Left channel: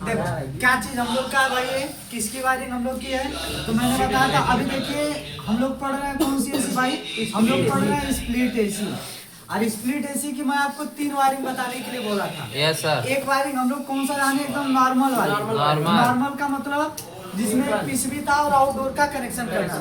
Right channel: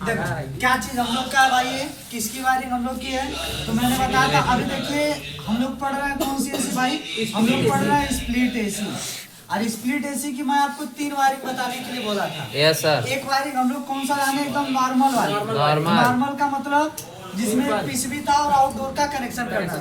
देखो क्या चीज हम लोग का भाई है, किसकी वायरिंग हम लोग की है, तो मैंने बताया था। अभी देखिए हम लोग पढ़ रहे हैं कौन सी एसी भाई, हम लोग पढ़ रहे हैं स्प्लिट एसी। और स्प्लिट एसी की मैं आपको 3 वायरिंग बताने के लिए बोला था। Yes sir. एक वायरिंग हम लोग कौन सा जाने, एकदम नॉर्मल वाली। नॉर्मल का मतलब जिसमें पीसीबी था और आउटडोर का कनेक्शन करना था।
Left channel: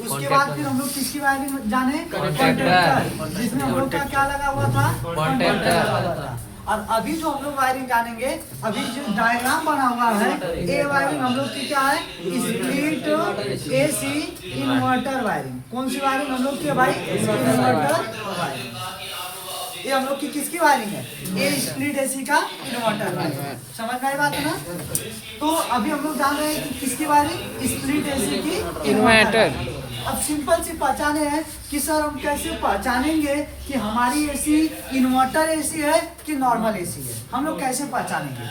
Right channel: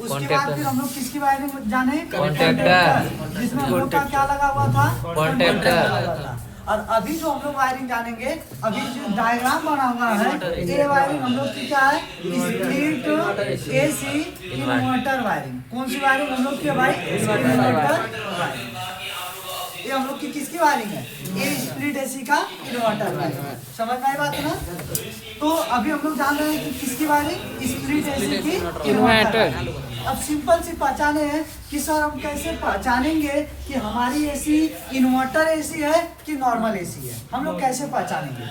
उसके बाद फिर हम लोग किसकी वायरिंग जाने, कॉन्टैक्टर, जिसमें हम लोग का क्या लगा हुआ था, कॉन्टैक्टर लगा हुआ था। और अभी जो हम लोग वायरिंग जानेंगे, अभी जो डायग्राम बना हुआ है, ये वायरिंग हम लोग की क्या है, स्प्लिट एसी इन्वर्टर वायरिंग। कौन सी वायरिंग हम लोग की है भाई, इन्वर्टर वायरिंग। ये हम लोग की किसकी वायरिंग है, ये स्प्लिट एसी का इन्वर्टर वायरिंग। समझ में आई बात है ना। तो अभी हम लोग जान रहे हैं कि किसकी वायरिंग, स्प्लिट एसी की इन्वर्टर। अब सिंपल सी पहचाने हैं कि सर हम कैसे पहचानेंगे कि हमारी एसी इन्वर्टर एसी है कि नॉर्मल एसी है। हम लोग कैसे पहचानेंगे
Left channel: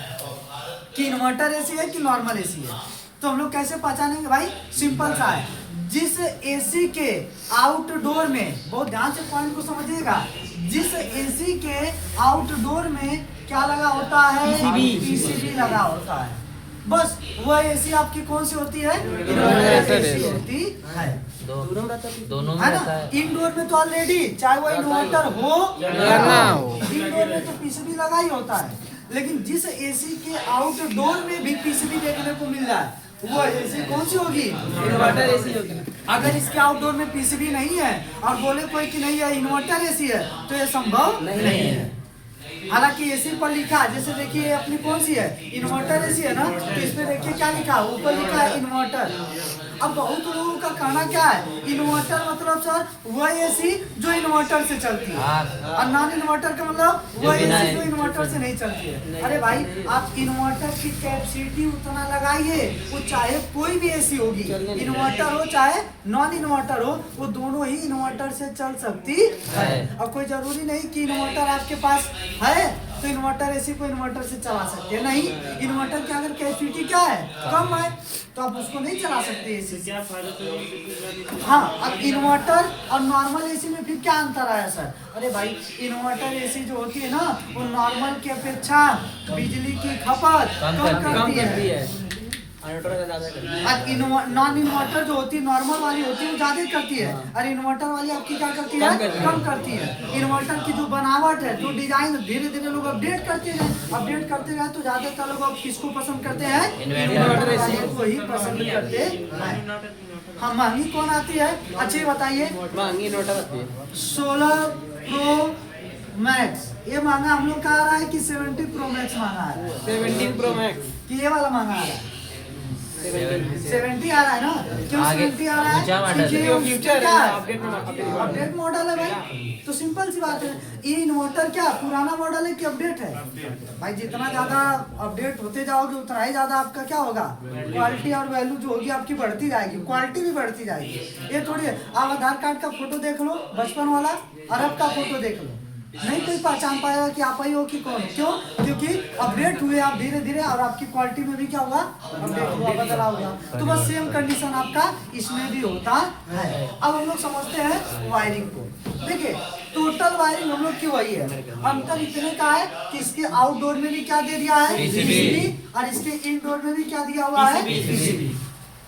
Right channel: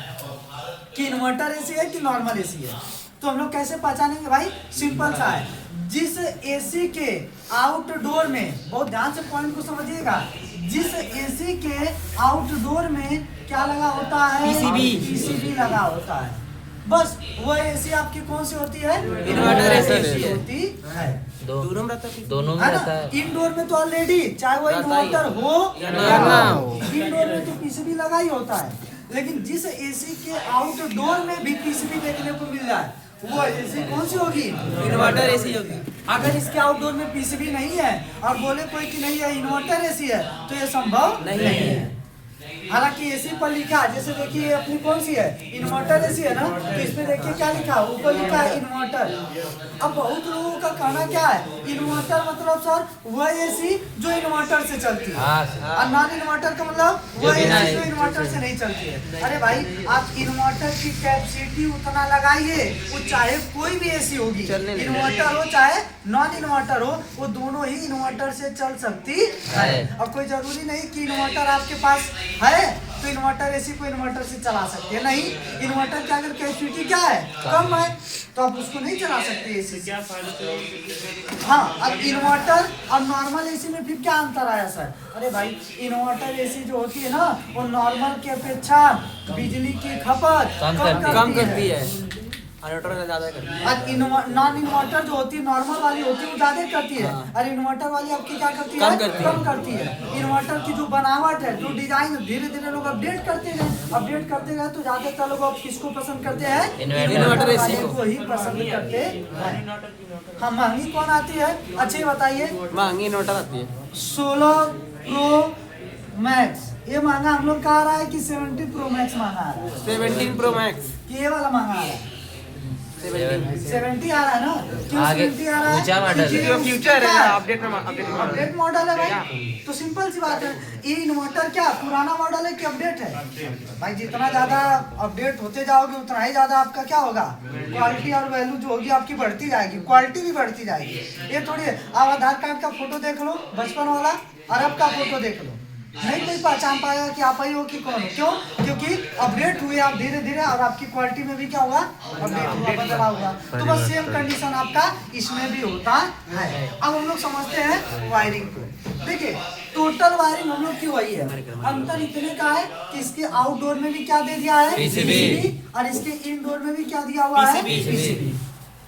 कि इन्वर्टर एसी है कि नॉर्मल एसी है, तो हम लोग कैसे पहचानेंगे भाई, सिंपल सा है। जिस एसी के आउटडोर में, बहुत ध्यान से पॉइंट को समझिएगा, जिस एसी के आउटडोर में क्या लगा होता है, पीसीबी लगा होता है, बस वह एसी आपकी कौन सी होती है, इन्वर्टर एसी होती है। दोनों है ना। इंडोर में तो ऑलरेडी चाहे वो इन्वर्टर हो या ना हो, इंडोर में तो पीसीबी लगा ही होता है। लेकिन जिस एसी के आउटडोर में भी पीसीबी देखने को मिल जाए, वो एसी कौन सी होगी, इन्वर्टर एसी होगी। अगर इसके आउटडोर में पीसीबी नहीं है और बोले कोई कि नहीं है इन्वर्टर एसी है, तो ये संभव नहीं है। हालांकि एसी पर लिखा है, जैसे देखिए अपनी कौन सी है, इन्वर्टर एसी है ना, तो इसमें देखिए क्या लिखा है, ऊपर लिखा है इन्वर्टर। अब बहुत लोगों का कहना क्या है, इन्वर्टर मतलब सर वह एसी जो इन्वर्टर से चलती है, और नॉन इन्वर्टर का मतलब वह एसी जो इन्वर्टर से नहीं चलती है। अरे भाई आप इन्वर्टर की कैपेसिटी उतना लगाइए, वो चाहे कोई भी एसी होगी, इन्वर्टर हो चाहे नॉन इन्वर्टर हो, वो दोनों ही इन्वर्टर से चल सकती है। अब कोई जरूरी नहीं कि इन्वर्टर आपके पास है तो इन्वर्टर एसी को इन्वर्टर से चला सकते हैं, नहीं। इन्वर्टर की अगर कैपेसिटी क्या है, कम है, तो आप उसको नहीं चला सकते एसी से। हाँ, अब इन्वर्टर और नॉर्मल एसी में फिर क्या अंतर आया सर, अरे भाई इन्वर्टर एसी जो होती है ना, वो नॉर्मल की अपेक्षा बिजली की खपत कम करती है। नॉन इन्वर्टर जो होती है, नॉर्मल वाली होती है, वो ज्यादा करती है, और इन्वर्टर वाली आपकी क्या करती है, कम करती है। इन्वर्टर की जो बनावट है, जो डिजाइन, धीरे धीरे लोग अपडेट करते रहे तो ज्यादातर लोग अब किसको पसंद करते हैं, इन्वर्टर वाले को ही पसंद करते हैं। हाँ, महंगी कौन आती है, अच्छे बताइए। महंगी इन्वर्टर आती है 16 प्रो मैक्स, ये महंगा हम लोग का आ रहा है कि 70 प्रो मैक्स महंगा आ रहा है, 17 प्रो मैक्स कि ये वाला महंगा आ रहा है, 70 आ रहा है ना। क्यों 70 आ रहा है, क्योंकि फ्यूचर है, अपडेट मॉडल है भाई। तो सिंपल सी बात है, ये इन्वर्टर क्या पुराना मॉडल है कि अपडेट है भाई। जितना ज्यादा अपडेट होते जाओगे उतना ही ज्यादा आपका क्या होगा, क्वालिटी और वैल्यू जो होगी आपकी बढ़ती जाएगी, क्वालिटी भी बढ़ती जाएगी। ये थोड़ी है आप आधार कार्ड का फोटो देख लो बचपन वाला, और अब का फोटो देख लो, नहीं कोई पहचान पाएगा कि आप ही हो कि कौन हो। क्यों, क्योंकि अपडेट हुए आप धीरे धीरे, और आपकी क्वालिटी में भी क्या होगा, अपडेट हुआ, बदलाव होगा। तो बस सेम कंडीशन आपका इसमें भी होता है। अब हम लोग समझते हैं वायरिंग को। देखिए टोटल वायरिंग हम लोग की वही है, अंतर इतने का है कि इसके आउटडोर में भी क्या दे दिया है, पीसीबी, और इसके इनडोर में भी क्या दिया हुआ है, पीसीबी।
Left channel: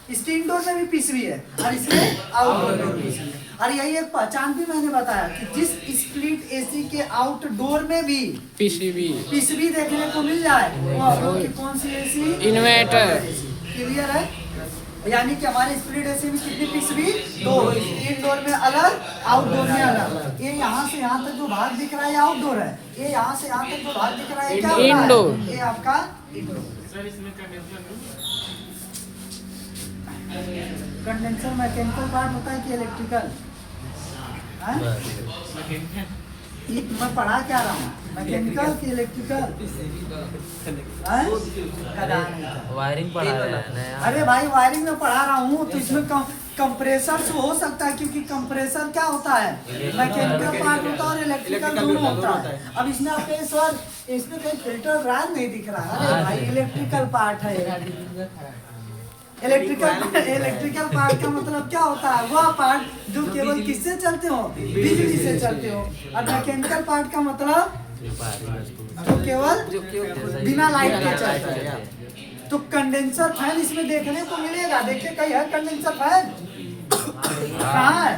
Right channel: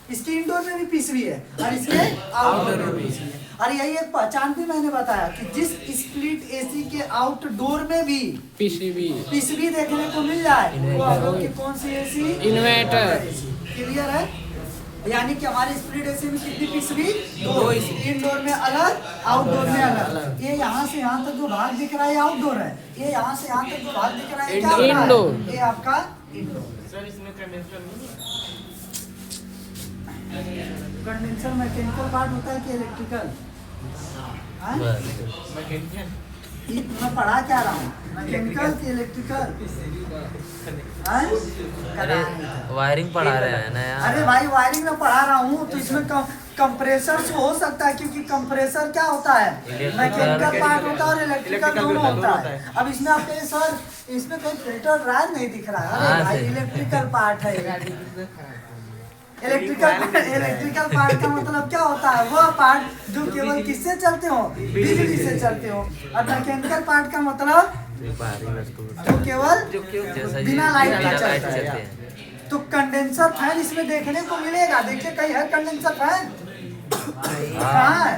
इसके इंडोर में भी पीसीबी है और इसके आउटडोर में भी पीसीबी है। और यही एक पहचान भी मैंने बताया कि जिस स्प्लिट एसी के आउटडोर में भी पीसीबी देखने को मिल जाए, वो आप लोग की कौन सी एसी, इन्वर्टर। क्लियर है, यानी कि हमारे स्प्लिट एसी में कितनी पीसीबी, 2, इंडोर में अलग, आउटडोर में अलग। ये यहाँ से यहाँ तक जो भाग दिख रहा है आउटडोर है, ये यहाँ से यहाँ तक जो भाग दिख रहा है क्या इंडोर, ये आपका इंडोर। कंडेंसर मैकेनिकल पार्ट होता है कि इलेक्ट्रिकल, मैं पढ़ा क्या रहा हूँ, मैकेनिकल कि इलेक्ट्रिकल, वायरिंग पढ़ा रहा है ना। अरे भाई वायरिंग में पढ़ा रहा हूँ, तो इसमें कंप्रेसर से हो सकता है, क्योंकि कंप्रेसर क्या होता है, मैकेनिकल पार्ट होता है और इलेक्ट्रिकल दोनों होता है। अब इसमें आप कहें सर इसमें कोई फिल्टर ड्रायर नहीं दिख रहा है, अरे भाई इलेक्ट्रिकल पार्ट है। इलेक्ट्रिकल पार्ट का मतलब क्या होता है, वह पार्ट जो केवल किससे चलते हो, बिजली से चलते हो। और मैकेनिकल पार्ट का मतलब जो केवल बिना लाइट के चलता है। तो कंडेंसर फैन इसमें देखने को मिलेगा। देखिए कहीं है कंडेंसर फैन? कहाँ है?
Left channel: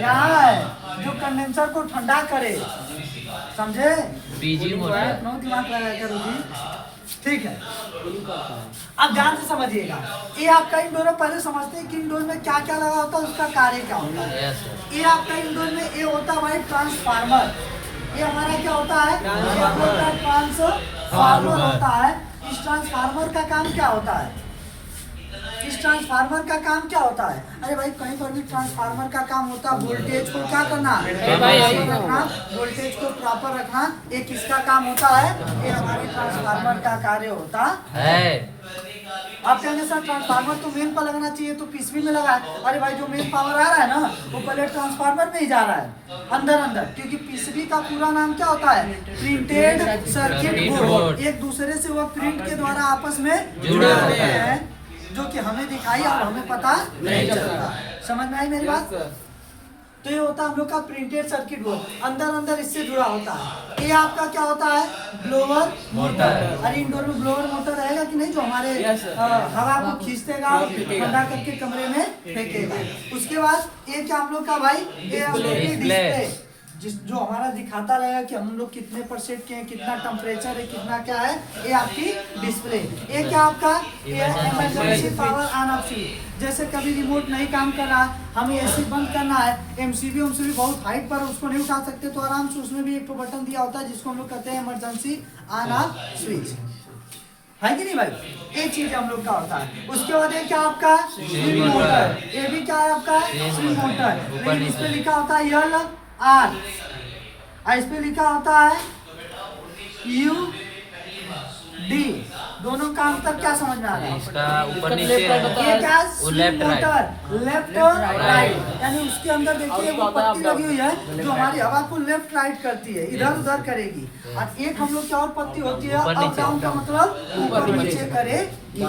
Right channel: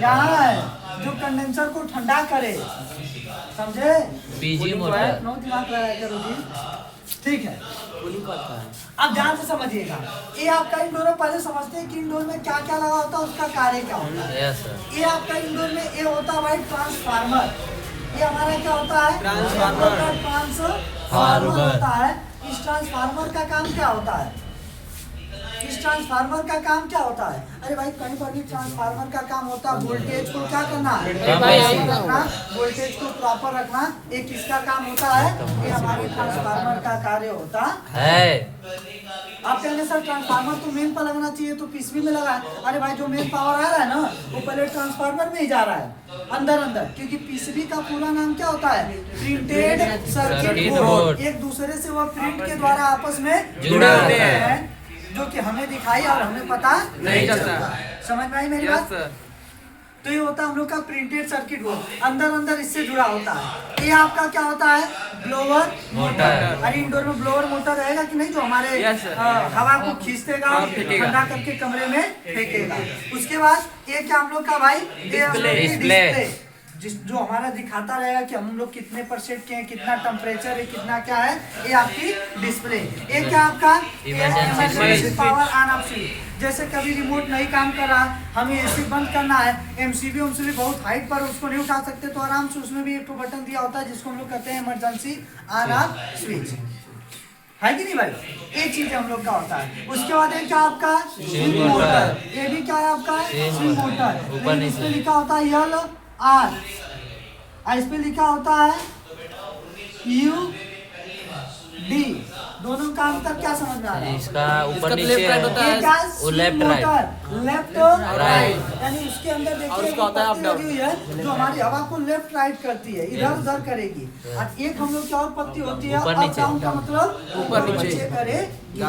यहाँ है, जो कंडेंसर को ठंडा करे। समझे? PG motor. नो दिमाग लगाया करो जी। ठीक है, अब ध्यान से समझिएगा। ये आपका इंडोर में पहले समझते हैं कि इंडोर में क्या क्या लगा होता है, उसका कार्य क्या होता है। Yes sir. ये आपका इंडोर में ये होता है भाई ट्रांसफार्मर। ये हमारा क्या होता है? ट्रांसफार्मर होता है। इस ट्रांसफार्मर का काम क्या होता है? इस ट्रांसफार्मर का काम क्या होता है? अरे भाई कहीं पर भी ट्रांसफार्मर का काम होता है वोल्टेज को क्या करना, वोल्टेज को प्रॉपर रखना। ये किसका काम होता है? ये हमारे ट्रांसफार्मर का कार्य होता है। आप कहेंगे सर ट्रांसफार्मर तो मेन पर लगना चाहिए, तो पीसीबी में लगा है। अरे भाई जो मेन पावर आ रहा है ना, वो पहले ट्रांसफार्मर में ही जा रहा है अंदर अंदर, क्योंकि पीसीबी का पूरा नाम क्या होता है? Printed circuit board. एक दूसरे से वह प्रिंट के द्वारा आपस में जुड़े होते हैं, जो कि हमें दिखाई और हमें पता नहीं चलता। समझ में आई मेरी बात? तो ये होता है हम लोग का प्रिंटेड सर्किट बोर्ड, अंदर अंदर इससे जुड़ा होता है। ये आपका क्या होता है? Blower motor. अरे इंडोर में ब्लोअर मोटर रहेगा कि नहीं, जो हमारे हवा को खींचतेगा और ठंडा करके कमरे में फेंकेगा। उसके बाद ये क्या हम लोग का भाई? डिस्प्ले, जो हमारा दिखाता रहेगा कि हम लोग कितने % के हैं, कितना टेम्परेचर है, कितना क्या है। ये आपकी डिस्प्ले। ये क्या आपका? Emergency power on off switch. जैसे कभी रिमोट नहीं काम कर रहा, हमें एसी बंद करना है, एमसीबी बहुत हाइट पर उसको नहीं उठा सकते, तो आराम से उसमें भी एक बटन दिया होता है जिसको हम लोग कहते हैं इमरजेंसी ऑन ऑफ स्विच। है कि नहीं भाई? ये चीज हम लोग का होता है। उसके बाद ये क्या आपका? Swing motor. ये भी क्या है आपका? Swing motor. लेकिन इस पे लिखा होता है यल आर, इस पे लिखा होता है यू डी। दोनों का अंतर क्या समझ में आ रहा है? इसका ऊपर नीचे ये क्या? Swing motor, left right. यानी उसके अंदर देखिए वो पत्ती लगी हुई है, जो हमारी हवा को लेफ्ट राइट करती है, इधर उधर करेगी। और एक हम लोग की और पत्ती होती है अप डाउन का मतलब ऊपर नीचे करेगी।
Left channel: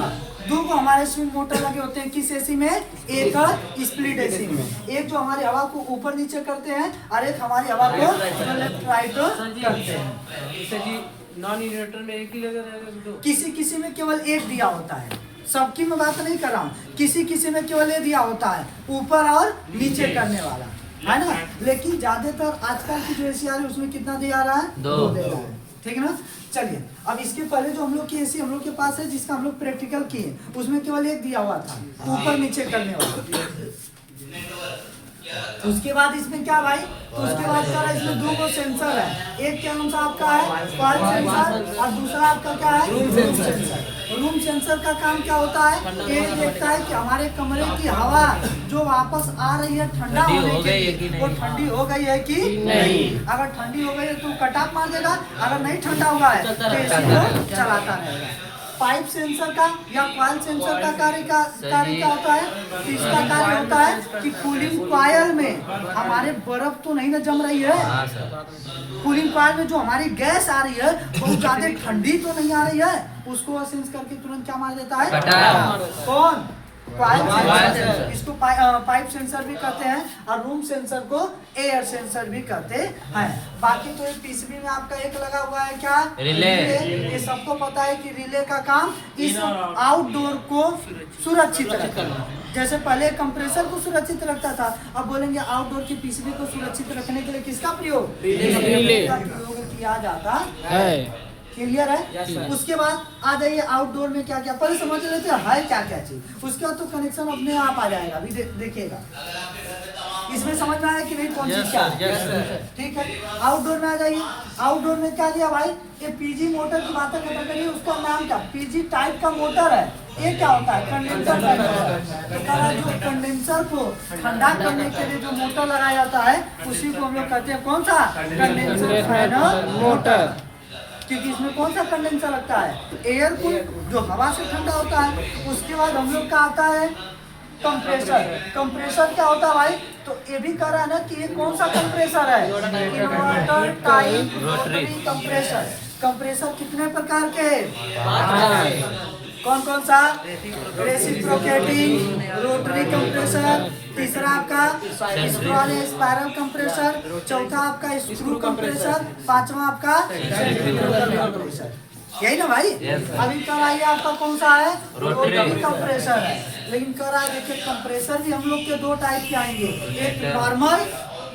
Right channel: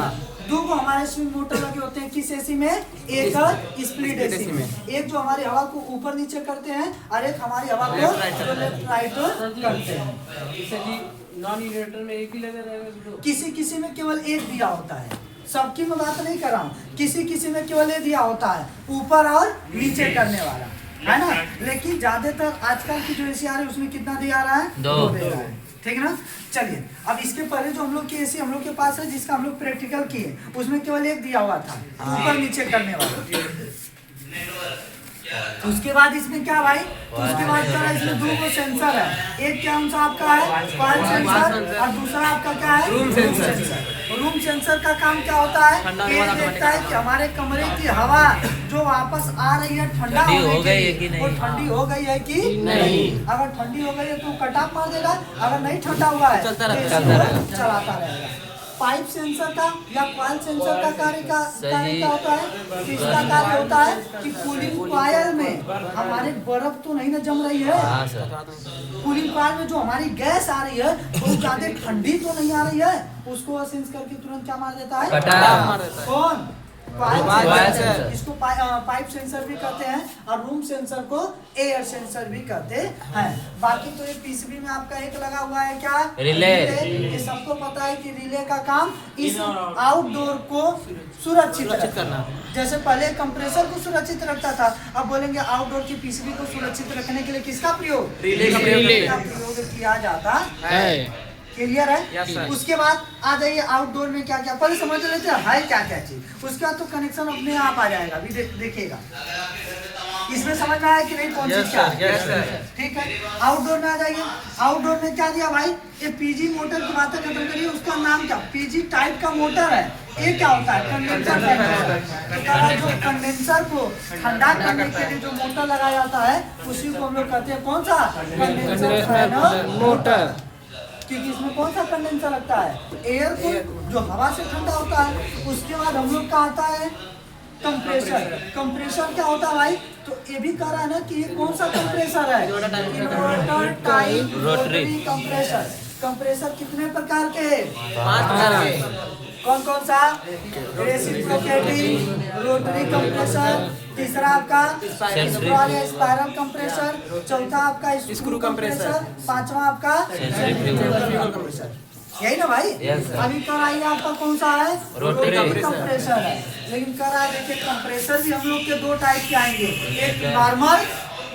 दो को हमारे स्विंग मोटर लगे होते हैं किस एसी में? एक स्प्लिट एसी में। एक जो हमारी हवा को ऊपर नीचे करते हैं और एक हमारी हवा को लेफ्ट राइट करते हैं। नॉन इन्वर्टर में एक ही लगा रहेगा। किसी किसी में केवल एक दिया होता है, सबकी मैं बात नहीं कर रहा हूँ। किसी किसी में केवल ये दिया होता है, ऊपर और नीचे करने वाला, है ना। लेकिन ज्यादातर आजकल की जो एसी आ रही है उसमें कितना दिया रहा है? 2 दे रहा है। ठीक है ना। चलिए अब इसके पहले जो हम लोग की एसी हम लोग के पास है, जिसका हम लोग प्रैक्टिकल किए, उसमें केवल एक दिया हुआ था, ऊपर नीचे करने वाला। उसके बाद इसमें क्या भाई? तो उसके बाद क्या है? इसमें 2 सेंसर है। एक क्या सा आपका है? पल्स सेंसर, और दूसरा आपका क्या है? Room sensor. रूम सेंसर का काम क्या होता है? ये देखता है कि हमारे कमरे की हवा जो वापस आ रही है ठंडा होने के लिए, वो ठंडी हो गई है कि नहीं। अगर ठंडी हो गई है तो कट ऑफ मार देगा, अगर नहीं ठंडा हुआ है तो एसी को चलाता रहेगा। पाइप सेंसर का या कॉइल सेंसर का कार्य क्या होता है? तो इसका कार्य होता है कि कूलिंग कॉइल में हमारे बर्फ तो नहीं ना जम रही है, कूलिंग कॉइल में जो हमारी गैस आ रही है बहुत ज्यादा ठंडी तो नहीं आ रही है, उसको सेंस करके तुरंत क्या मार देता है? कौन? Coil sensor. इसको पाइप सेंसर भी कहते हैं, और रूम सेंसर को एयर सेंसर भी कहते हैं। बाकी तो ये पीसीबी में आपका एक लगा हुआ है क्या? रिले। ये सबको पता है कि रिले का काम इस आउटडोर को सुरक्षित रखना। जैसे पहले कंप्रेसर को सुरक्षित रखता था, अब बोलेंगे आउटडोर की पीसीबी को सुरक्षित रखने के लिए किसका प्रयोग? रिले का प्रयोग किया जाता है। क्लियर है? उसके बाद आ जाइए आउटडोर में क्या क्या पहले समझ लेते हैं क्या क्या चीज। उसके बाद तो कनेक्शन अपने आप आ जाएगा, अभी देखिएगा। इसमें समझ में आया कि नहीं कौन सी क्या? ठीक है, आउटडोर में आ जाइए। आउटडोर में क्या दिया भाई? ये पीजी मोटर की बातें खत्म करिए। उसका नाम क्या? पीजी टाइप का मोटर है। ये क्या होता है? कंडेंसर टाइप का। जो कंडेंसर को ठंडा करने के लिए जो मोटर लगाया जाता है उसी को हम लोग कहते हैं कौन सा? Condenser fan motor. क्योंकि इसमें कौन सा कंडेंसर लगता है? एयर कूल, जो हवा से ठंडा होता है। उसके बाद हम लोग का आता है कंप्रेसर। कंप्रेसर क्या होता है भाई? तो ये भी कह रहा है ना कि ये कौन सा कंप्रेसर है? Inverter type rotary compressor. Compressor कितने प्रकार के हैं? 5। कौन कौन सा? रेसिप्रोकेटिंग, रोटरी कंप्रेसर, तीसरा आपका स्पाइरल कंप्रेसर, चौथा आपका स्क्रू कंप्रेसर, पांचवा आपका सेंट्रीफ्यूगल कंप्रेसर। यही ना भाई। Yes, sir. अभी कर आइए आपका कौन सा है, रोटरी कंप्रेसर है। लेकिन कर आ देखिए कंप्रेसर भी हम लोग के दो टाइप के आएंगे, एक नॉर्मल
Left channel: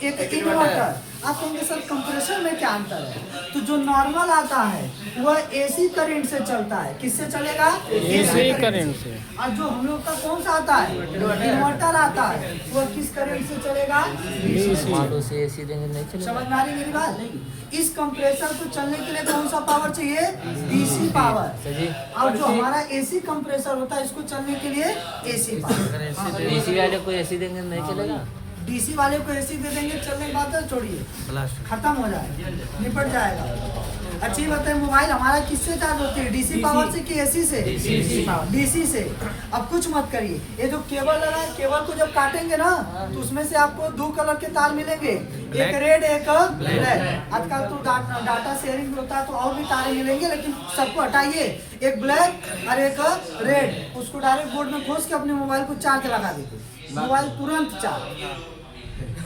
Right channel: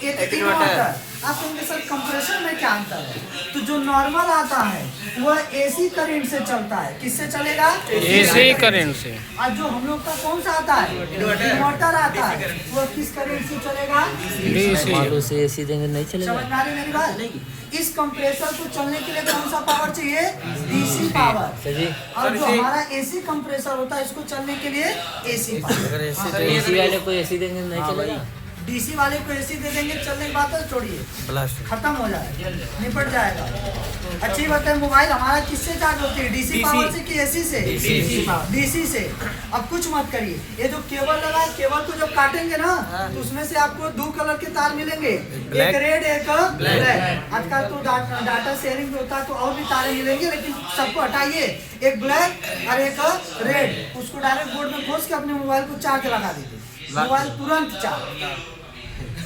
एक इन्वर्टर। आप कहेंगे सर कंप्रेसर में क्या अंतर है? तो जो नॉर्मल आता है वह एसी करंट से चलता है। किससे चलेगा? एसी करंट से। और जो हम लोग का कौन सा आता है, इन्वर्टर आता है, वह किस करंट से चलेगा? डीसी। से एसी देंगे नहीं चलेगा। समझ में आ रही मेरी बात? इस कंप्रेसर को चलने के लिए कौन सा पावर चाहिए? DC power. सर जी और जो हमारा एसी कंप्रेसर होता है इसको चलने के लिए एसी पावर। तो एसी वाले को एसी देंगे नहीं चलेगा। डीसी वाले को एसी दे देंगे, चलने की बात है छोड़िए, खत्म हो जाएगा, निपट जाएगा। अच्छी बात है। मोबाइल हमारा किससे चार्ज होती है? डीसी पावर से कि एसी से? डीसी से। अब कुछ मत करिए, ये जो केबल लगा है, केबल को जब काटेंगे ना तो उसमें से आपको दो कलर के तार मिलेंगे, एक रेड एक ब्लैक। आजकल तो डाटा शेयरिंग होता है तो और भी तारे मिलेंगे, लेकिन सबको हटाइए, एक ब्लैक और एक रेड। उसको डायरेक्ट बोर्ड में खोस के अपने मोबाइल को चार्ज लगा दीजिए, मोबाइल तुरंत चार्ज,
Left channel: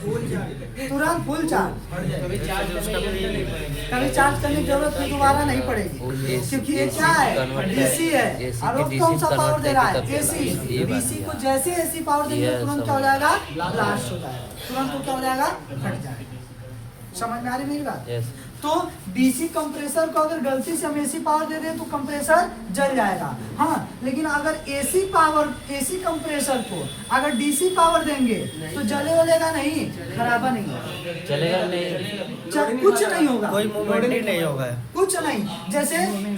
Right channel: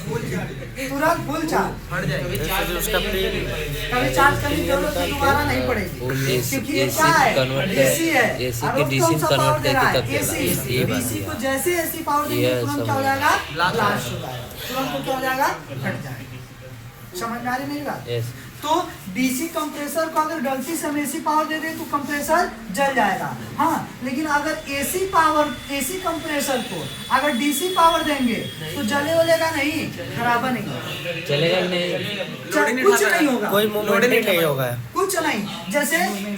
तुरंत फुल चार्ज। कभी चार्ज करने की जरूरत तो दोबारा नहीं पड़ेगी, क्योंकि ये क्या है? डीसी है। और वो कौन सा पावर दे रहा है? एसी। डीसी को जैसे एसी पावर देंगे तुरंत क्या हो जाएगा? ब्लास्ट हो जाएगा, तुरंत वो क्या हो जाएगा? फट जाएगा। समझ में आ रही मेरी बात? यस। तो डीसी कंप्रेसर को अगर गलती से हम एसी पावर दे दें तो कंप्रेसर जल जाएगा। हाँ, लेकिन अगर एसी पावर, एसी कंप्रेसर को अगर डीसी पावर देंगे तो जले वलेगा नहीं, खराबा नहीं होगा, चलेगा नहीं, कुछ नहीं होगा, कोई मूवमेंट नहीं होगा। कुछ नहीं। जैसे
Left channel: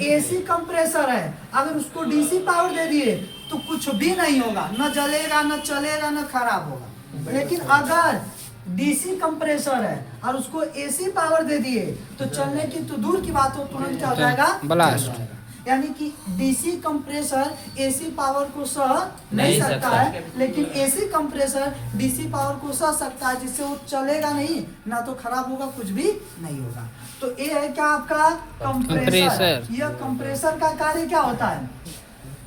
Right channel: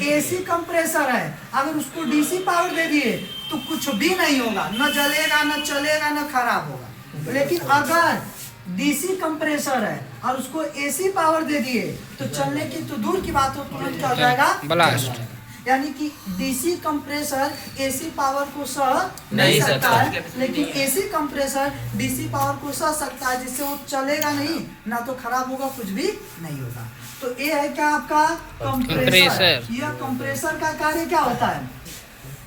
एसी कंप्रेसर है, अगर उसको डीसी पावर दे दिए तो कुछ भी नहीं होगा, न जलेगा न चलेगा न खराब होगा। लेकिन अगर डीसी कंप्रेसर है और उसको एसी पावर दे दिए तो चलने की तो दूर की बात हो, तुरंत क्या हो जाएगा? ब्लास्ट। यानी कि डीसी कंप्रेसर एसी पावर को सह नहीं सकता है, लेकिन एसी कंप्रेसर डीसी पावर को सह सकता है, जिससे वो चलेगा नहीं, ना तो खराब होगा, कुछ भी नहीं होगा। तो ये है क्या आपका कंप्रेसर। यह कंप्रेसर का कार्य क्या होता है?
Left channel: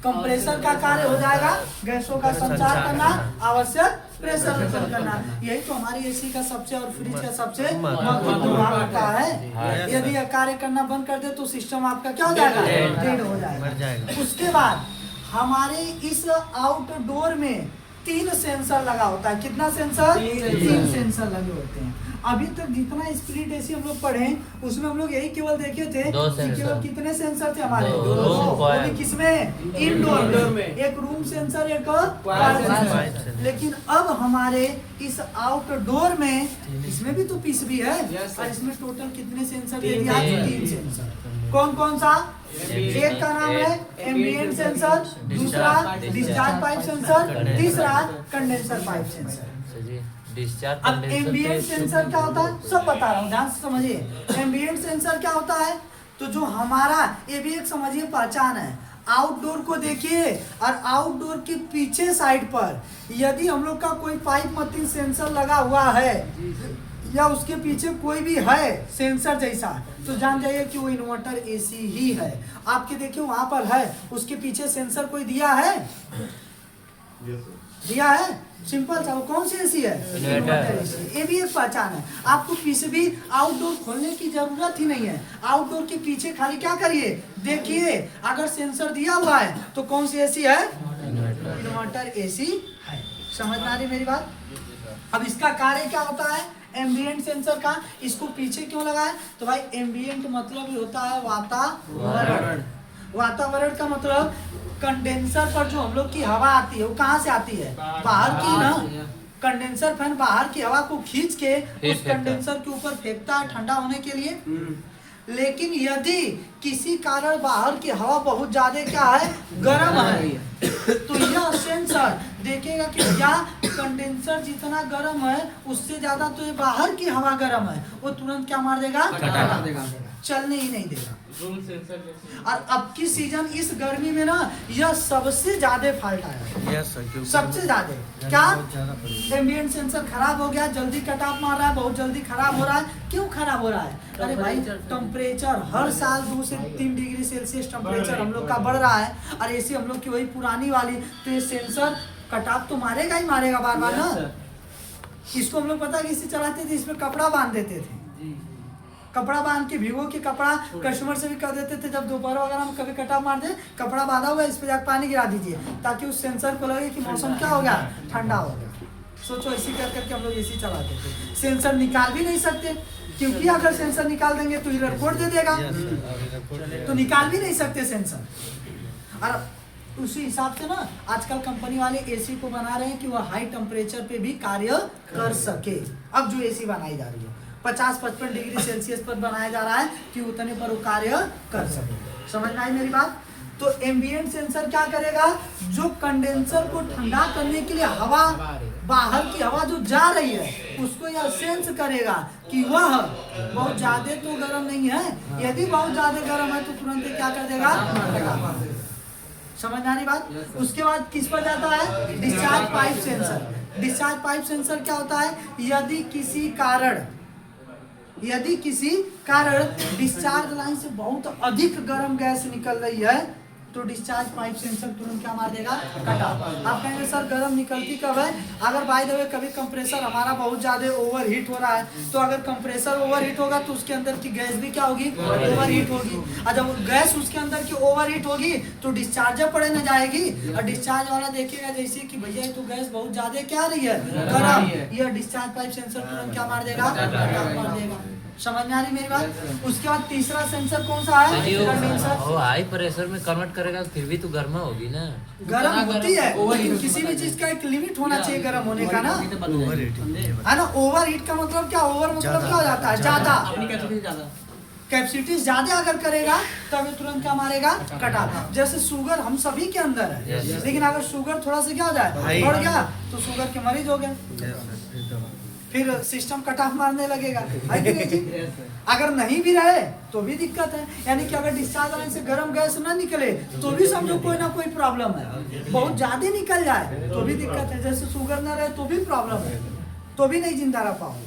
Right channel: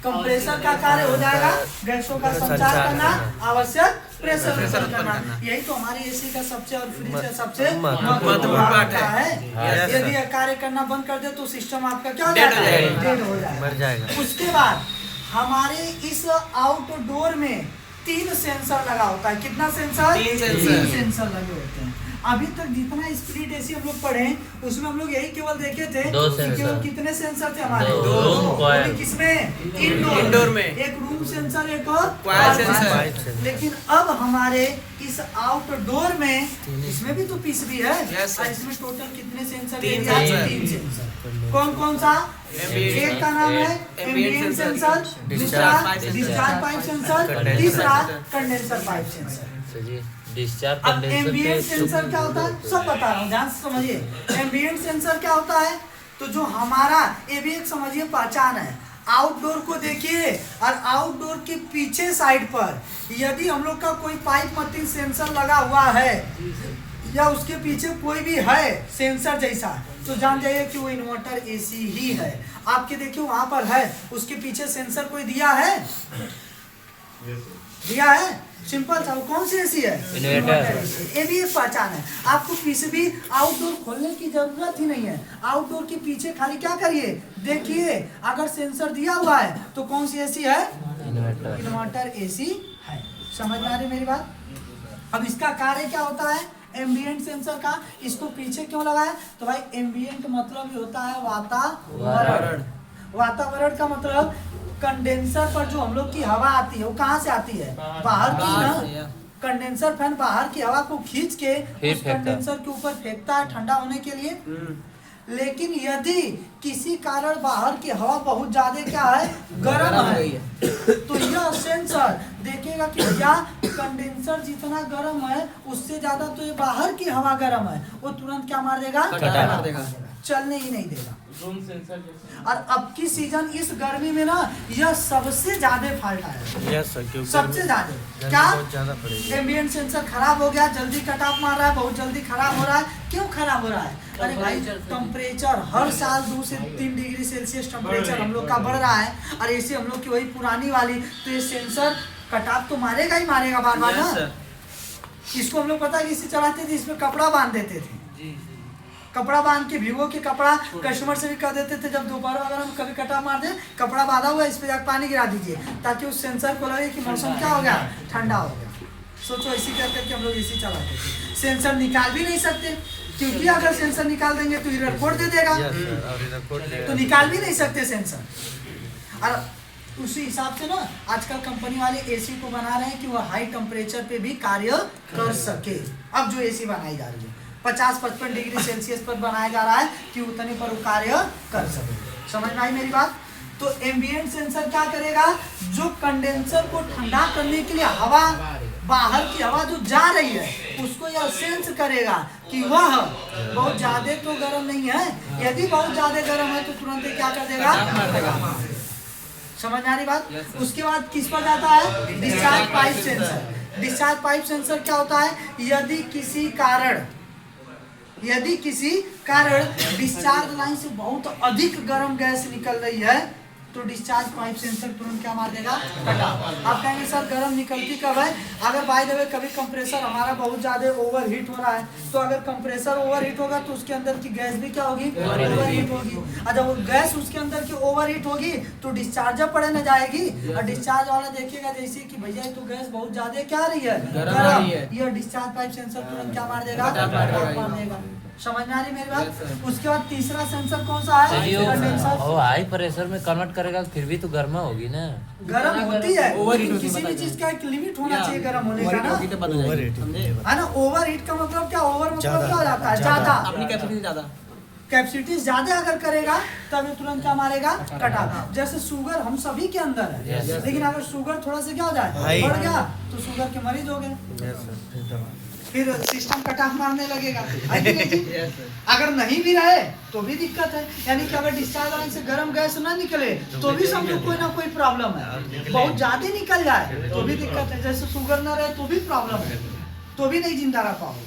कंप्रेसर का कार्य हो जाएगा गैसों का संचार करना, आवश्यक प्रेशर करना। यही तो हमारे एसी का सबसे और फ्रिज का सबसे महत्वपूर्ण पार्ट है। यदि यह कार्य करना बंद कर दे तो सिस्टम आपका क्या हो जाएगा? डेड हो जाएगा। उसके बाद हमारे इस आउटडोर में 3 सेंसर लगा होता है। कितना सेंसर? 3 सेंसर लगे होते हैं। अभी तक जितना स्प्लिट एसी हम लोग पढ़े उसमें हम लोग यही केवल देखे थे कि केवल कितने सेंसर थे हमारे? 2। किसमें? इंडोर में। एक रूम सेंसर, एक क्वाइट सेंसर। लेकिन अब हमारे इस आउटडोर में इसमें भी तो पीसीबी है, और इसमें टोटल कितने सेंसर? 3 सेंसर। कौन कौन सा? एक का नाम है एम्बिएंट सेंसर, दूसरा डिस्चार्ज पाइप सेंसर, तीसरा कंडेंसर पाइप सेंसर। अब एम्बिएंट सेंसर क्या होता है सब बता रहा हूँ, ध्यान से समझिए। एम्बिएंट सेंसर क्या होता है? तो जो हमारा, ये भी एक समझिए पहचान है। आउटडोर को देखिए और आउटडोर के पीछे साइड पर यदि हम लोग का कोई पाइप मतीन सेंसर लगा हुआ है या उसके पीछे कोई भी है सेंसर जैसा, तो जान जाइए कि वो इन्वर्टर एसी ही है। आपके देखिए वहां पर है, उसके पीछे सेंसर कोई दिया है? दिया है, सिंपल सा। वो कौन सी एसी है? इन्वर्टर। ये भी एक पहचान है। आपको पीसीबी आउटडोर खोलने की जरूरत ही नहीं है। आउटडोर के पीछे खाली क्या करिए, देखिए अगर सेंसर दिया हुआ है तो कौन सी एसी है? इन्वर्टर एसी है। समझ में आ रही मेरी बात? अब इसका कार्य क्या होता है एम्बिएंट सेंसर का? इसको पीछे क्यों लगाया? तो भाई एम्बिएंट मतलब होता है वातावरण। वातावरण का मतलब कंडेंसर पर जो हम लोग की हवा आती है वो कहाँ से आती है? बाहर की ना। कंडेंसर फैन बाहर की हवा को खींच के उस कंडेंसर के ऊपर फेंकता है ठंडा होने के लिए। लेकिन यदि किसी कारण बाहर की हवा बहुत ज्यादा क्या है, गर्म है, तो यह सेंसर देखेगा कि क्या कंडेंसर जितना गर्म है उससे ज्यादा तो ये बाहर की हवा गर्म है, वो तुरंत क्या मार देगा? मार देगा, चलने ही नहीं देगा। और अब की सीजन इस गर्मी में ना यह सबसे ज्यादा फॉल्ट आया, सबसे ज्यादा। क्या? एम्बिएंट सेंसर खराब हो गया, जल्दी कट ऑफ मार रहा है, बहुत जल्दी खराब हो रहा है। क्यों खराब हो रहा है? अरे भाई टेम्परेचर हर साल 2 से 3 डिग्री सेल्सियस टेम्परेचर हम लोग का बढ़ रहा है, और ऐसे हम लोग की वही पुरानी वाली, तो ये सेंसर कट ऑफ तो मारेगा ही मारेगा बार बार ना। इसको हम लोग पता है इसे चलाते थे, इसमें कपड़ा बांध देते थे, कपड़ा बांध के भिगो के कपड़ा कस्टमर से भी कह देते थे, जब दोपहर अगर हम कभी कटा मार दे, कपड़ा बांधा हुआ है, इस पे जाकर पानी गिरा दीजिए ताकि उस सेंसर को लगे कि मौसम क्या हो गया, ठंडा हो गया। सोचो इसी कर करके हम लोग एसी चलाते थे। सेंसर निकाल भी नहीं सकते, क्योंकि अगर सेंसर निकाल देंगे तो एरर कोड दे देगा, तो निकाल भी नहीं सकते सेंसर। और उसी हिसाब से ना आजकल कंपनी वाले एसी को बना रहे हैं कि वह हाई टेम्परेचर पे भी कार्य कर सके। अब जो एसी बनाई जा रही है 50-55 डिग्री सेल्सियस पर बनाया जा रहा है कि उतने पर वो कार्य कर सके। समझ में आई मेरी बात? तो एम्बिएंट सेंसर क्या करेगा, जो कंडेंसर को ठंडा करने के लिए हवा, बाहर की हवा जो जा रही है उसको यह सेंस करेगा कि वह बहुत ज्यादा तो गर्म नहीं है। यदि बहुत ज्यादा गर्म है तो तुरंत ही क्या कर देगा। समझ आ रही बात? उसके बाद किस पर जाता है, discharge pipe sensor. Discharge pipe sensor क्या होता है, यदि किसी कारण डिस्चार्ज लाइन से बहुत अधिक गर्म गैस निकल रही है तो डिस्चार्ज पाइप सेंसर तुरंत क्या मार देगा, कटा। आप कहेंगे सर गर्म निकलती कब है, अगर बाय द वे कभी कंप्रेसर हमारा बहुत ज्यादा ओवरहीट हो रहा है, तो अगर कंप्रेसर ओवरहीट होगा तो उसके अंदर की गैस भी क्या होगी, ओवरहीट होगी। और जब गैस उसके अंदर की ओवरहीट होगी तो डिस्चार्जर पड़े न जाएगी, और डिस्चार्ज वाला देखिएगा जैसे कि भैया ये तो गैस बहुत ज्यादा क्या रही है, गर्म, यह डिस्चार्ज पाइप सेंसर तुरंत क्या मार देगा, मार देगा। समझ में आ रही मेरी बात? उसके बाद तीसरा सेंसर कौन सा है, कंडेंसर। वो हाई प्रेशर में कन्वर्ट करेगा फिर भी तो गर्म होगी ना, गर्म होती है, लेकिन किसी भी चीज का एक लिमिट होना चाहिए गर्म होने का ना, है ना। ओवर हीट का मतलब क्या, ओवर मतलब क्या हो जाता है, ज्यादा कैपेसिटी ज्यादा अगर करेगा तब तुरंत क्या मारेगा, कटा। जैसे शुगर हम सभी के अंदर है, लेकिन अगर शुगर थोड़ा सा क्या हो जाए, बढ़ गया तो शुगर के मरीज हो गए, फिर सिस्टम कट ऑफ मारने लगेगा। अगर नहीं भी रहे तो भी दिक्कत है, यानी कि अगर डिस्चार्ज लाइन से गर्म गैस ना निकले तो भी समझो कोई ना कोई प्रॉब्लम है। बहुत ज्यादा निकल जाए तो भी दिक्कत है, जैसे शुगर ना रहे तो भी प्रॉब्लम है, तो भी नहीं जिंदा रह पाओगे,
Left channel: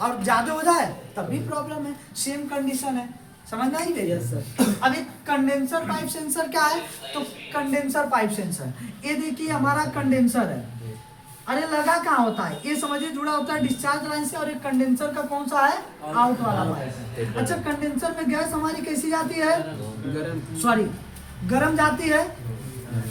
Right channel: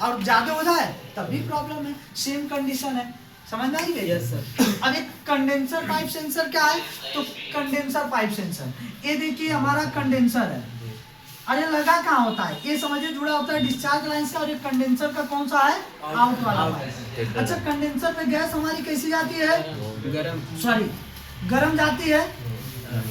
और ज्यादा हो जाए तब भी प्रॉब्लम है। सेम कंडीशन है, समझ में आई गई? Yes sir. अब एक कंडेंसर पाइप सेंसर क्या है, तो कंडेंसर पाइप सेंसर, ये देखिए हमारा कंडेंसर है, अरे लगा कहाँ होता है, ये समझिए जुड़ा होता है डिस्चार्ज लाइन से, और एक कंडेंसर का कौन सा है, आउट वाला पाइप। अच्छा, कंडेंसर में गैस हमारी कैसी जाती है, गरम जाती है,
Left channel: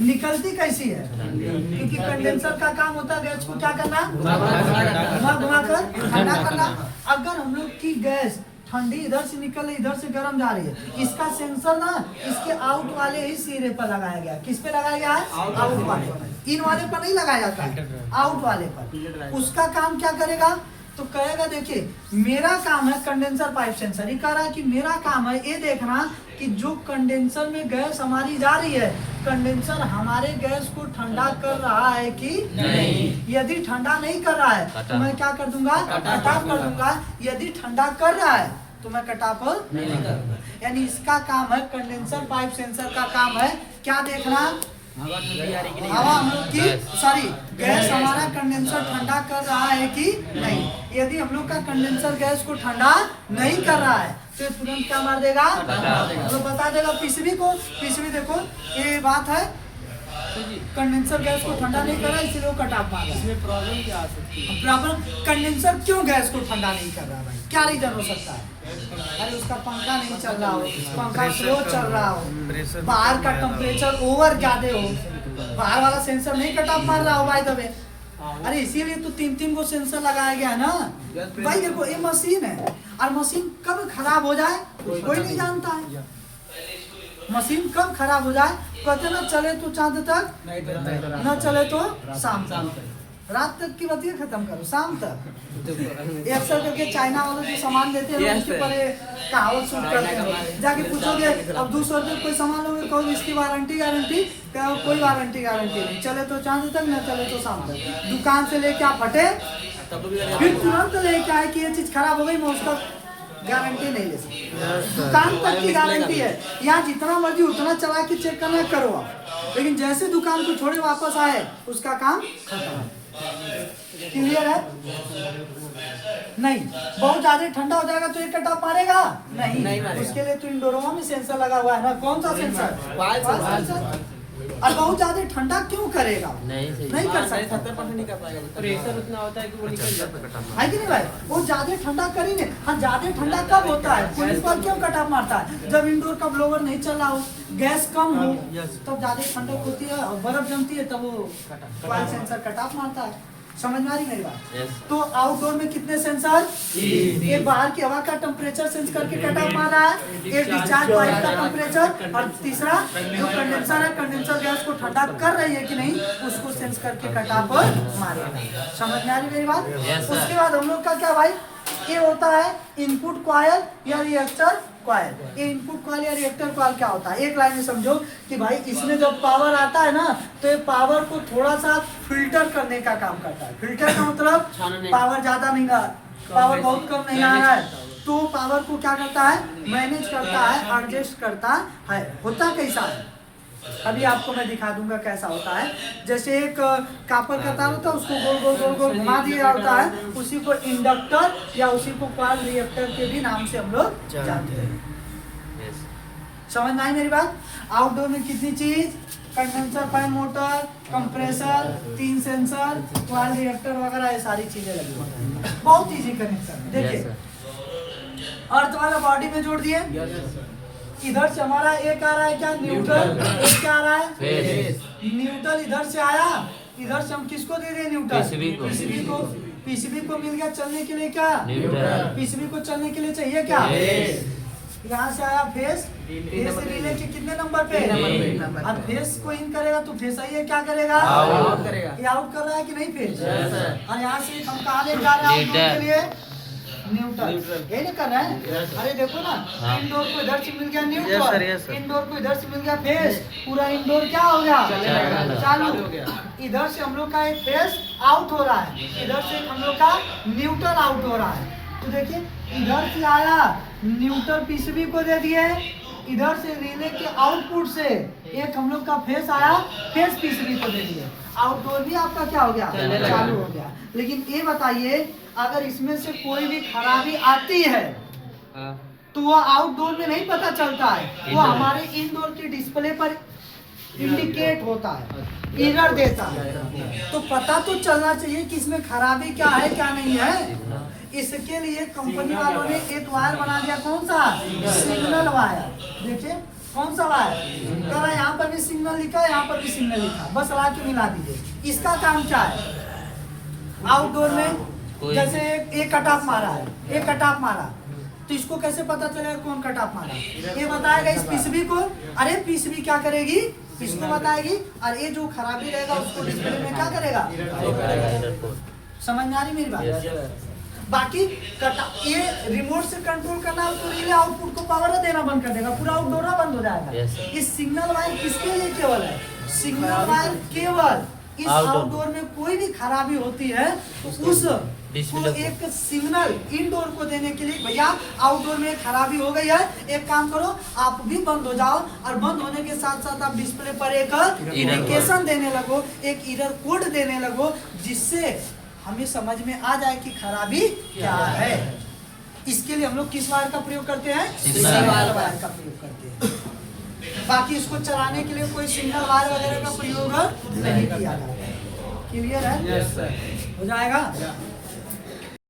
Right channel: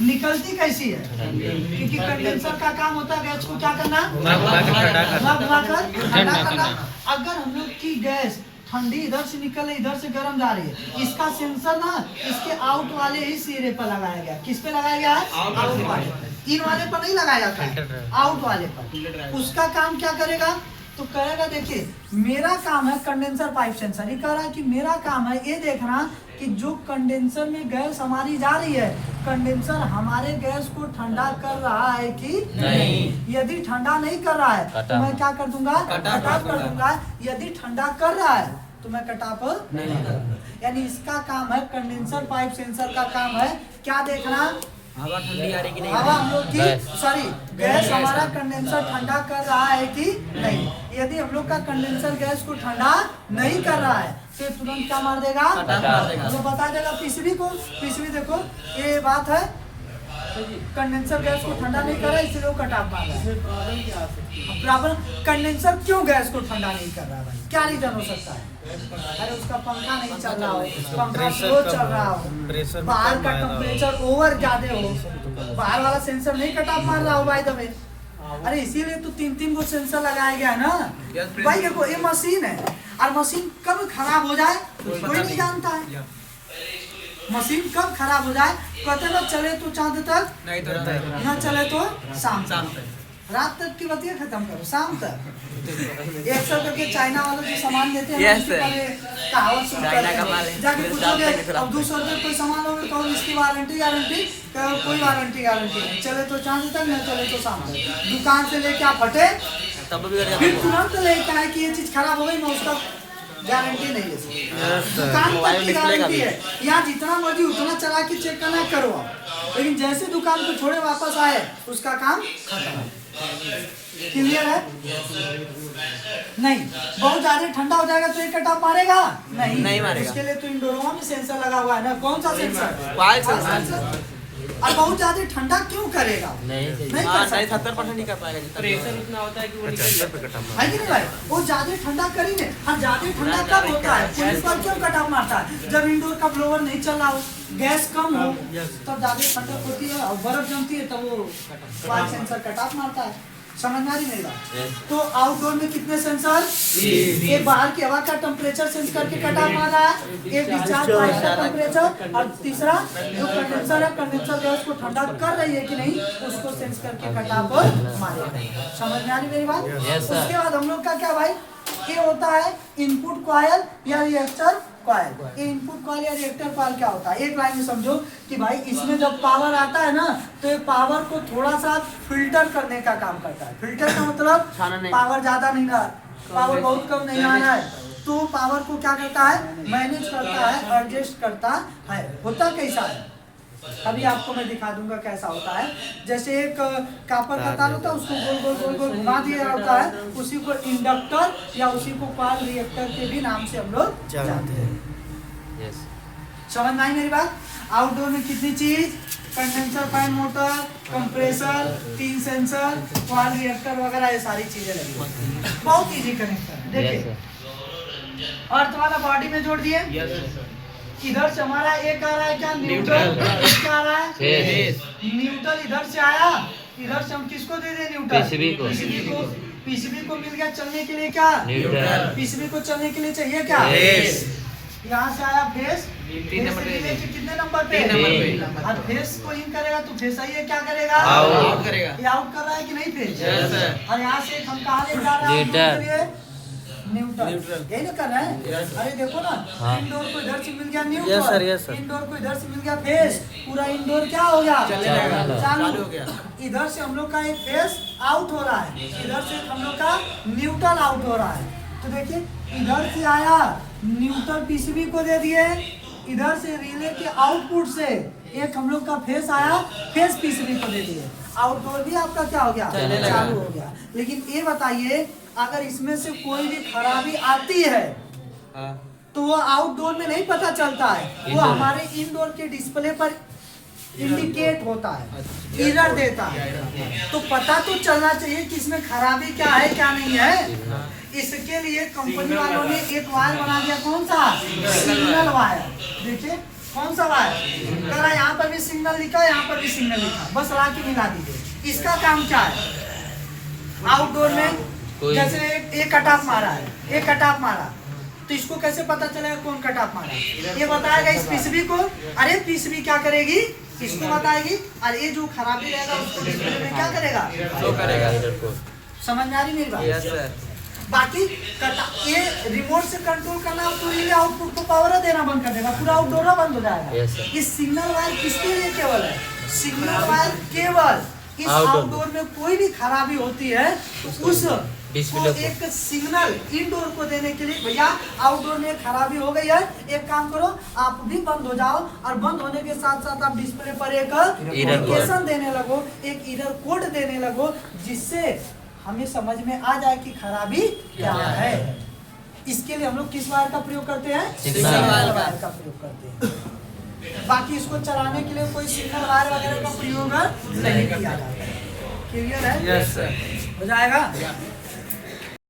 निकलती कैसी है, क्योंकि कंडेंसर का काम होता है गैस को क्या करना, घुमाकर ठंडा करना। अगर हम लोग की गैस ठंडी इधर से निकल रही, इधर से गर्म जा रही है, इसका सेंसर ना इसके आउट वाले ही सिरे पर लगाया गया। किस पे लगाया गया है, आउट वाले, इन वाले पर नहीं लगाया जाता है, आउट वाले पर। उसका काम क्या करेगा, तो कहेगा देखिए मेरा काम है, कंडेंसर पाइप सेंसर ये कह रहा है कि मेरा काम है ये देखना कि जो कंडेंसर में गैस हमारी जा रही है, कंडेंसर हमारे गैस को ठंडा कर रहा है कि नहीं। यदि ठंडा नहीं कर रहा है तो मैं क्या कर दूंगा, कट ऑफ कर दूंगा। यदि ठंडा कर रहा है तो मैं कट ऑफ नहीं करूंगा। यानी इसका काम है, कंडेंसर पाइप सेंसर का काम है क्या देखना, हवा ठंडी आ रही कि नहीं, हवा हम लोग की सॉरी गैस हमारा कंडेंसर ठंडा कर रहा है कि नहीं। यदि हम लोग का कंडेंसर गैस को ठंडा नहीं कर रहा है तो तुरंत क्या मार देगा, मतलब बता देगा पीसीबी को, पीसीबी देखो ये बात है, कंडेंसर गैस को ठंडा नहीं कर रहा है इसलिए वो कट ऑफ मार रहा है। प्रॉब्लम कंडेंसर क्यों गैस को ठंडा नहीं कर रहा भाई, क्या रीजन हो सकता है? अरे उसका पंखा नहीं चल रहा हो, पंखा स्लो चल रहा हो, बाहर का टेम्परेचर ओवर ज्यादा हो, बाहर वाला सेंसर नहीं कट ऑफ मार रहा हो भाई दबे। अरे इसीलिए तो 3-3 वो सेंसर लगाया गया है ना भाई। देखो ये मशीन है, और मशीन कब खराब हो जाए कोई नहीं जानता है। मशीन कब खराब हो जाए, कहते ना चले तो चांद तक, न चले तो शाम तक, रात तक की बतिया खत्म करो, शाम तक। 100 करके चाइना वाले जो सामान देते हैं उसके पर कहावत शुरू करते हैं, जाके पूछोगे अब 200 रुपये कोई सामान लोगे, कहो इसकी वारंटी गारंटी, कोई वारंटी गारंटी नहीं, चले तो चांद तक न चले तो शाम तक। दुकान से लेके आप हटे फिर तुरंत लेके आए कि ये चीज खराब हो गई, मैं उसका गारंटी नहीं ले सकती। दुकान तक की गारंटी है, यहाँ जितना मर्जी उतना चला के चेक करना करो आप, लेकिन जैसे दुकान को छोड़े वापस आए उसका काम खत्म। क्लियर है? नहीं, बहुत ज्यादा ठंडा हो जाएगा तो एक कट ऑफ मारेगा नहीं, उसके लिए तो इंडोरमा में सेंसर लगा हुआ है ना, कौन सा सेंसर, और बहुत ज्यादा ठंडा क्यों करेगा? नहीं नहीं कर सकता, 70% नहीं कर पाएगा जितना प्रेशर इतना होता है कि वो निकल जाता है। है कि नहीं भाई? वो ज्यादा ठंडा करेंगे। हाँ, ज्यादा ठंडा कब होता है? पुलिस वाला क्यों कटाव मारता है? जब इंडोर का ब्लोवर नहीं चल रहा हो, गैस कम हो, तब ज्यादा ठंडक होती है और बर्फ जमती है, तब वो वायु सेंसर कटाव मारता है। समझ में आ रही मेरी बात? तो आउटडोर में कितने सेंसर? एक बाहर की हवा का टेम्परेचर सेंस करके कटाव मार रहा है, एक डिस्चार्ज पाइप का टेम्परेचर, और तीसरा जो कंडेंसर है, कंडेंसर गैस को ठंडा कर रही है कि नहीं उसको सेंस करके कटाव मारेगा। समझ में आ रही मेरी बात? उसके बाद हम लोग का क्या भाई, ये होता है इनपुट कॉइल या रिएक्टर कॉइल। ये इनपुट कॉइल या रिएक्टर कॉइल क्या होता है? एक लाइन में समझो कि भाई इसमें जब पावर आता है ना, तो ये पावर को थोड़ा सा फिल्टर करने का काम करता है। फिल्टर का मतलब पावर ज्यादा नहीं आ, पावर बहुत कम नहीं आ रहा है, तो पावर को क्या करता है? मैनेज करता है, एडजस्ट करता है। होता कैसा है अभी आपको मैं दिखा दूंगा कैसा होता है। जैसे एक कापर का तार होता है, उसको गोल गोल गोल गोल घुमा दिया होता है, उसी को इंडक्टर या उसी को कॉइल रिएक्टर के भी नाम से हम लोग जानते हैं। समझ में आई मेरी बात? आउटडोर में कितनी चीज? Condenser, fan, motor, compressor, 3 sensor, coil reactor वगैरह, ये सारी चीजें लगी होती हैं। बहुत इजी कनेक्शन। देखिए अर्थ वाला बॉडी में जोड़ दिए, इधर से हमारा एक आ रहा है क्या? न्यूट्रल। एक क्या आ रहा है? न्यूट्रल इधर से आया, इधर से हम किसको दे दें? न्यूट्रल। पीसीबी को। पीसीबी को मिल गया चलने के लिए क्या? न्यूट्रल। पीसीबी को चलने के लिए चाहिए क्या? यहाँ से आया फेस, फेस से रिले के कितने नंबर पे? 3 नंबर। और फेस को इन करेगा तो फेस आइए क्या करेगा? आउट करेगा। ये आउट कर रहा है कि नहीं फेस? और यहाँ से हम कहाँ ले जा रहे हैं? न्यूट्रल। यही ना कर रहे हैं? अरे देखो ना, इंडोर को इधर से मिल गया न्यूट्रल, इंडोर को इधर से मिल गया फेस, पूरा इंडोर क्या हो गया? चालू हो गया। इधर से हम लोग का एक फेस आउट हो रहा है, इधर से हम लोग का न्यूट्रल आउट हो रहा है। तो देखिए इधर से आया न्यूट्रल पीसीबी को दे दिए, इधर से रिले के आउटपुट से एक हम लोग का फेस आया, फेस पीसीबी को दे दिए। आउटडोर भी आपका क्या हो गया? चालू हो गया। लेकिन ये बताइए अगर इसमें से कोई भी खराबी आती है तो वो आउटडोर में नहीं पता चलता है, वो हमारे इनडोर के डिस्प्ले पर इंडिकेट होता है, एरर देता है। तो पता तो चलना चाहिए कि इसमें खराबी क्या है क्या नहीं है। इसके लिए कंपनी वालों ने एक वायर बना दिया, कौन सा? Signal wire. देखिए कौन सा वायर? कह रहा है यहाँ पर भी सिग्नल लिखा है, यहाँ पर भी सिग्नल लिखा, बस ला के मिला दीजिए। इसका काम क्या है? आउटडोर में जैसे एक कट ऑफ मारा है, एक कट ऑफ मारा, तो इसको कैसे पता चलेगा कौन कट ऑफ मारा? ये बताएगा इस पीसीबी को। अरे पीसीबी क्या करेगी? इसको बताएगी, और ये जो खराबी रहेगा उसको डिस्प्ले में क्या करेगा? समझ में आ रही मेरी बात? बाकी ये रिमोट से कंट्रोल करना है तो रिले आउटपुट को पावर देना बंद कर देगा, पूरा आउटडोर बंद हो जाएगा। इस सिग्नल वायर किसके लिए केवल है? सिग्नल वायर केवल इस आउटडोर में कोई भी खराबी होती है तो उस को एक सिग्नल इंडोर को देने के लिए, भैया आउटडोर में खराबी हो गई है, एक काम करो आप भी बंद हो जाओ, और बंद होने के साथ साथ आप डिस्प्ले पर एक इंडिकेशन देने लगो, एक एरर कोड देने लगो, जिससे हमें समझ में आ जाए कि खराबी क्या है। इसके लिए हम लोग किस वायर का प्रयोग करते हैं? सिग्नल वायर का प्रयोग करते हैं। बाकी इसको चलाने के लिए कोई सिग्नल वायर वगैरह का प्रयोग नहीं किया जाता है। क्लियर है? हो जाएगा?